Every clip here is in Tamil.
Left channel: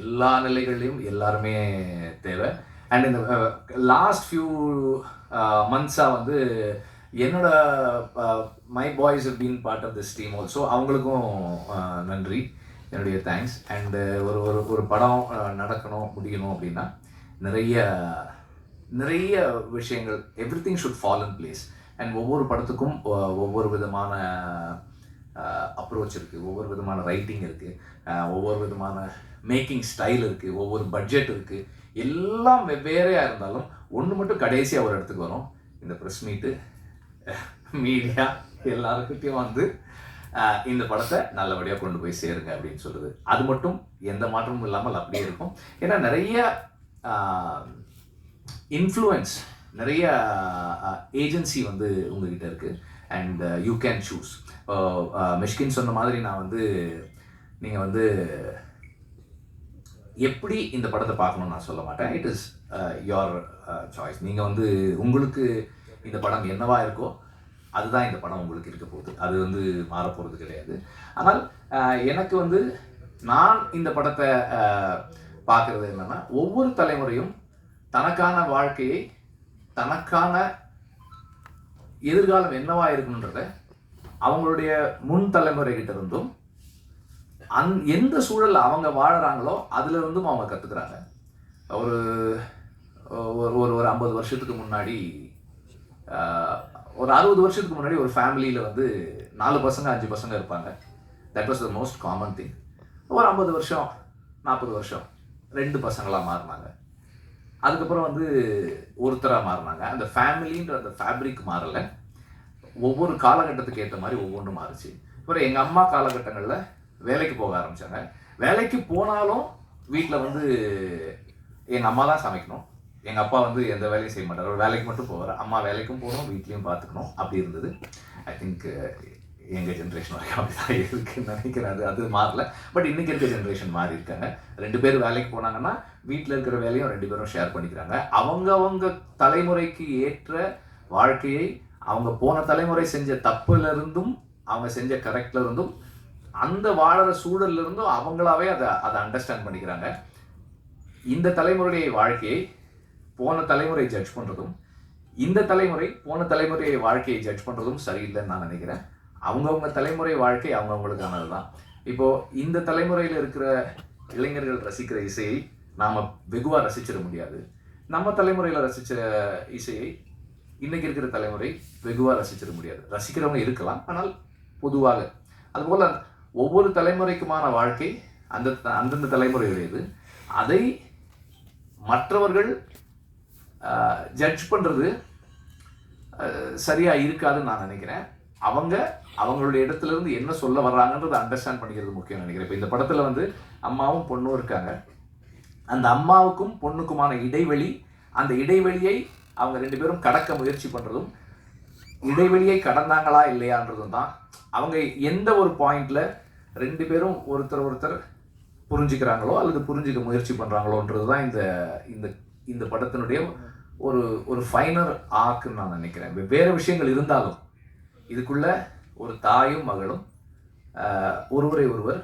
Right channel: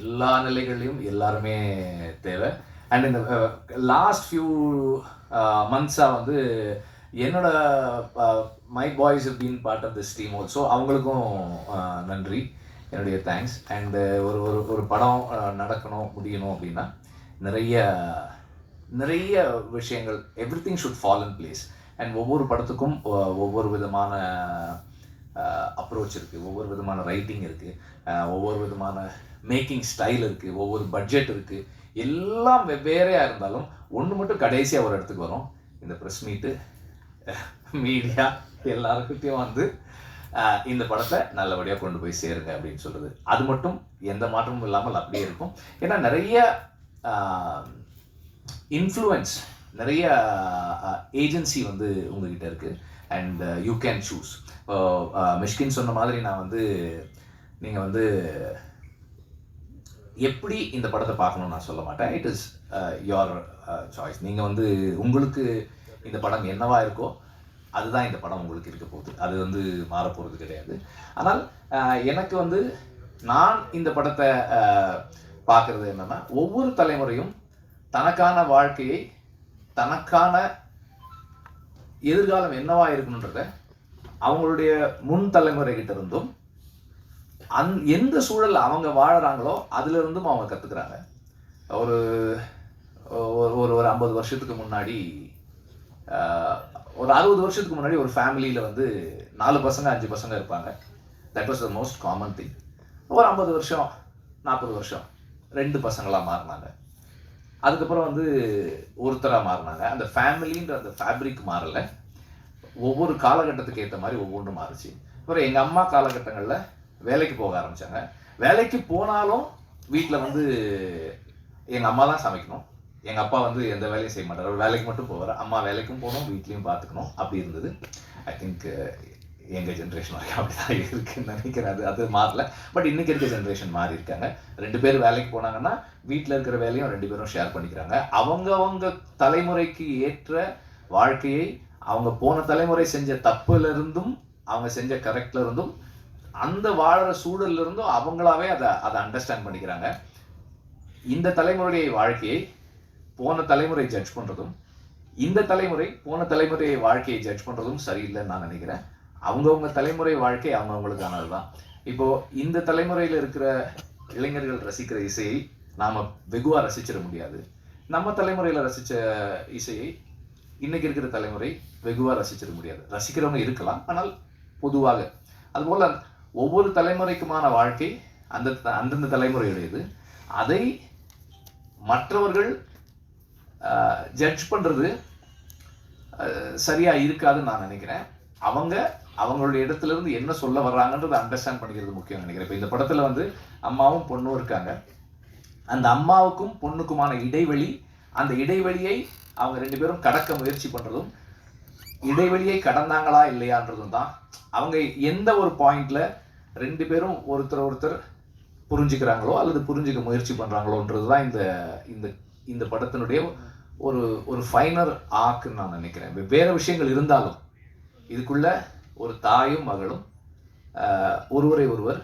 எல்லா நிலைகள்லையும் எல்லாருமே தேவை. அண்ட் இந்த லாஸ்ட் ஃபியூ மந்த்ஸாக வந்து என்னோட my boys been part of this team also அவங்களுக்கும் நன்றி. என்னுடைய தேங்க்ஸ் அண்டு ஒரு ஒரு ஒரு படம் நடக்கணும் முடியணும் அப்படின்னா நிறைய நிறைய விஷயங்கள் everything should fall in place and ஒவ்வொரு படத்துக்கும் ஒவ்வொரு விதமான அப்ரோச் இருக்குது ஒவ்வொரு விதமான ரைட்டிங் இருக்குது ஒவ்வொரு விதமான மேக்கிங் ஸ்டைல் இருக்குது ஒவ்வொரு பட்ஜெட் இருக்குது எல்லாம் வெவ்வேறையாக இருந்தாலும் ஒன்று மட்டும் கடைசியாக ஒரு இடத்துக்கு வரும். இந்த ப்ரெஸ் மீட்டு மீடியா எல்லாருக்கிட்டையும் வந்து இந்த படத்தை நல்லபடியாக கொண்டு போய் சேருங்க அப்படின்னு சொல்லுது அது மட்டும் எந்த மாற்றமும் இல்லாமல் அப்படியே இருக்கும். ஏன்னா நிறைய இன்ஃப்ளூயன்ஸ் நிறைய ஏஜென்சி வந்து உங்ககிட்ட இருக்குது and you can choose Mysskin சொன்ன மாதிரி நான் வந்து நீங்கள் வந்து எப்படி இந்த படத்தை பார்க்கணும்னு நான் சொல்ல மாட்டேன். இட் இஸ் யோர் சாய்ஸ் நீங்கள் வந்து உங்களுக்கு இந்த படம் என்னவா இருக்கோ அதுதான் இந்த படம் உங்களுக்கு இருக்க போகுது. அது வந்து மாறப் போகிறது கிடையாது. ஆனால் எனக்கு வந்து நான் இந்த படத்தை பார்க்குறது என்னன்னா ஒவ்வொரு தலைமுறையும் தனக்கான வாழ்க்கையை தனக்கான எதிர்காலம் என்னவா இருக்கணுன்றத அவங்களுடைய முன் தலைமுறைகிட்ட இருந்தும் அந் எந்த சூழல் அவங்க வாழறாங்களோ அதுல இருந்தும் அவங்க கத்துக்கிறாங்க. ஒரு ஒரு ஒரு ஒரு ஐம்பது வருஷத்துக்கு முன்னாடி ஒரு அறுபது வருஷத்துக்கு முன்னாடி ஒரு ஃபேமிலியில் வந்து நாலு பசங்க அஞ்சு பசங்க இருப்பாங்க. That was the most common thing ஒரு ஐம்பது வருஷம் நாற்பது வருஷம் ரெண்டு பசங்களாக மாறினாங்க. அதுக்கப்புறம் வந்து ஒருத்தராக மாறினாங்க. அந்த ஃபேமிலின்ற அந்த ஃபேப்ரிக் மாறல. ஒவ்வொரு காலகட்டத்துக்கு ஏற்ற மாதிரி ஒவ்வொன்றும் மாறுச்சு. அப்புறம் எங்கள் அம்மா காலகட்டங்களில் வேலைக்கு போக ஆரம்பித்தாங்க வேலைக்கு போனாலும் வீட்டில் வந்து எங்கள் அம்மா தான் சமைக்கணும். எங்கள் அப்பா வந்து எந்த வேலையும் செய்ய மாட்டார். வேலைக்கு மட்டும் போவார். அம்மா வேலைக்கும் போகணும் வீட்லேயும் பார்த்துக்கணும் அப்படி இருந்தது. ஐ திங்க் எங்கள் ஜென்ரேஷன் வரைக்கும் அப்படி தான் இருக்குன்னு நினைக்கிறேன். அது அது மாறல. பட் இன்னைக்கு இருக்க ஜென்ரேஷன் மாறி இருக்காங்க. ரெண்டு பேர் வேலைக்கு போனாங்கன்னா வீட்டில் இருக்கிற வேலையும் ரெண்டு பேரும் ஷேர் பண்ணிக்கிறாங்க. அவங்கவங்க தலைமுறைக்கு ஏற்ற வாழ்க்கையை அவங்க போன தலைமுறை செஞ்ச தப்புலேருந்தும் அவங்க செஞ்ச கரெக்ட்ல இருந்தும் அந்த வாழற சூழல்ல இருந்தும் அவங்களாவே அதை அதை அண்டர்ஸ்டாண்ட் பண்ணிக்கிறாங்க. இந்த தலைமுறையை வாழ்க்கையை போன தலைமுறை ஜட்ஜ் பண்ணுறதும் இந்த தலைமுறை போன தலைமுறை வாழ்க்கையை ஜட்ஜ் பண்ணுறதும் சரியில்லைன்னு நான் நினைக்கிறேன். அவங்கவுங்க தலைமுறை வாழ்க்கை அவங்கவுங்களுக்கானது தான் இப்போது இந்த தலைமுறையில் இருக்கிற இளைஞர்கள் ரசிக்கிற இசையை நாம் வெகுவாக ரசிச்சிட முடியாது. நம்ம தலைமுறையில் ரசித்த இசையை இன்றைக்கி இருக்கிற தலைமுறை வெகுவாக ரசிச்சிட முடியாது. ரசிக்கிறவங்க இருக்கலாம் ஆனால் பொதுவாக. அதுபோல் ஒவ்வொரு தலைமுறைக்குமான வாழ்க்கை அந்த அந்தந்த தலைமுறையுடையது. அதை மற்றவர்கள் ஜட்ஜ் பண்ணுறது சரியாக இருக்காதுன்னு நான் நினைக்கிறேன். அவங்க அவங்களுடைய இடத்துல இருந்து என்ன சொல்ல வர்றாங்கன்றதை அண்டர்ஸ்டாண்ட் பண்ணிக்கிறது முக்கியம் நினைக்கிறேன். இப்போ இந்த படத்தில் வந்து அம்மாவும் பொண்ணும் இருக்காங்க. அந்த அம்மாவுக்கும் பொண்ணுக்குமான இடைவெளி அந்த இடைவெளியை அவங்க ரெண்டு பேரும் கடக்க முயற்சி பண்ணுறதும் இடைவெளியை கடந்தாங்களா இல்லையான்றதும் தான். அவங்க எந்த ஒரு பாயிண்டில் ரெண்டு பேரும் ஒருத்தர் ஒருத்தர் புரிஞ்சுக்கிறாங்களோ அல்லது புரிஞ்சுக்க முயற்சி பண்ணுறாங்களோன்றது தான் இந்த இந்த இந்த படத்தினுடைய ஒரு ஒரு ஃபைனர் ஆக்குன்னு நான் நினைக்கிறேன். வெவ்வேறு விஷயங்கள் இருந்தாலும் இதுக்குள்ளே ஒரு தாயும் மகளும் ஒருவரை ஒருவர்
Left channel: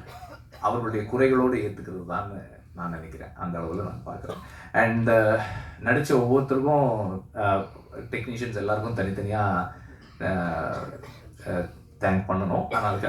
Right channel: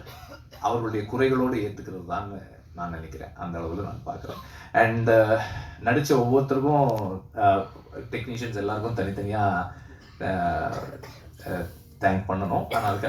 அவர்களுடைய குறைகளோடு ஏற்றுக்கிறது தான் நான் நினைக்கிறேன். அந்த அளவில் நான் பார்க்குறேன். அண்ட் நடித்த ஒவ்வொருத்தருக்கும் டெக்னீஷியன்ஸ் எல்லாருக்கும் தனித்தனியாக தேங்க் பண்ணணும். ஆனால்